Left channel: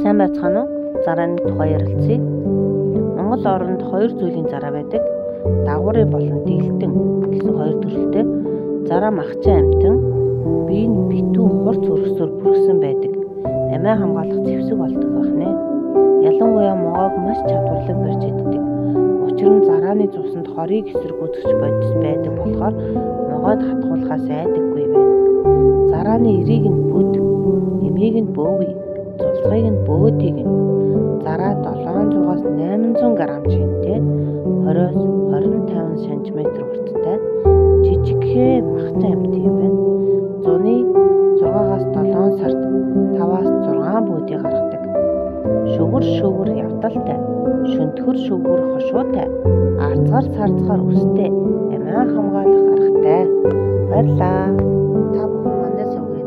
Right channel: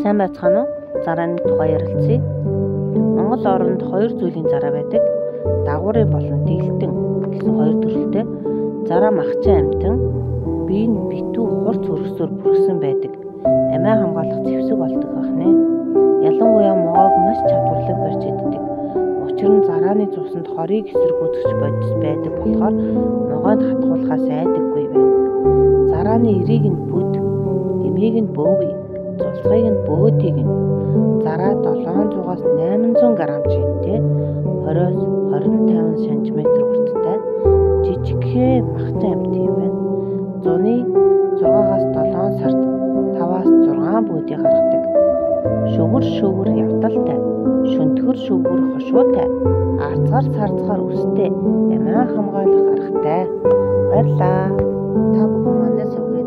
Сайн байцгаана уу? Зарааны тухай ярилцъя. Монгол оронд хоёр зүйлийн зараа байдаг. Дагуурын болон дийлтэн гэсэн хоёр төрөлтэй. Зараа махчин амьтан бие нь битүү хурц өргөсөөр бүрхсэн байдаг. Амиа хамгаалах зэвсэг болдог байна. Ялангуяа могоог маш чадварлаг барьж иддэг. Учир нь зарааны цуснд хорийг эсэргүүцэж бодис байдаг болохоор могойд хатгуулахаас айдаггүй байна. Зарааны эрийг нь бүд, эмийг нь бөөвий, цулцгийг нь бөөдийг нь зараа 700-аас 800 г жинтэй 20-с 25 см урттай жижигхэн махчин амьтан юм байна. Зуны 6-аас 7 сард 5-аас 6 бөөдийг гаргадаг. Шөвгөр явдалтай, шөнтгөр шөвгөр хошуутай, арцгаар өстэй, амиа хамгаалах аргатай. Баярлалаа. Та бүхэн мандаа сувгий.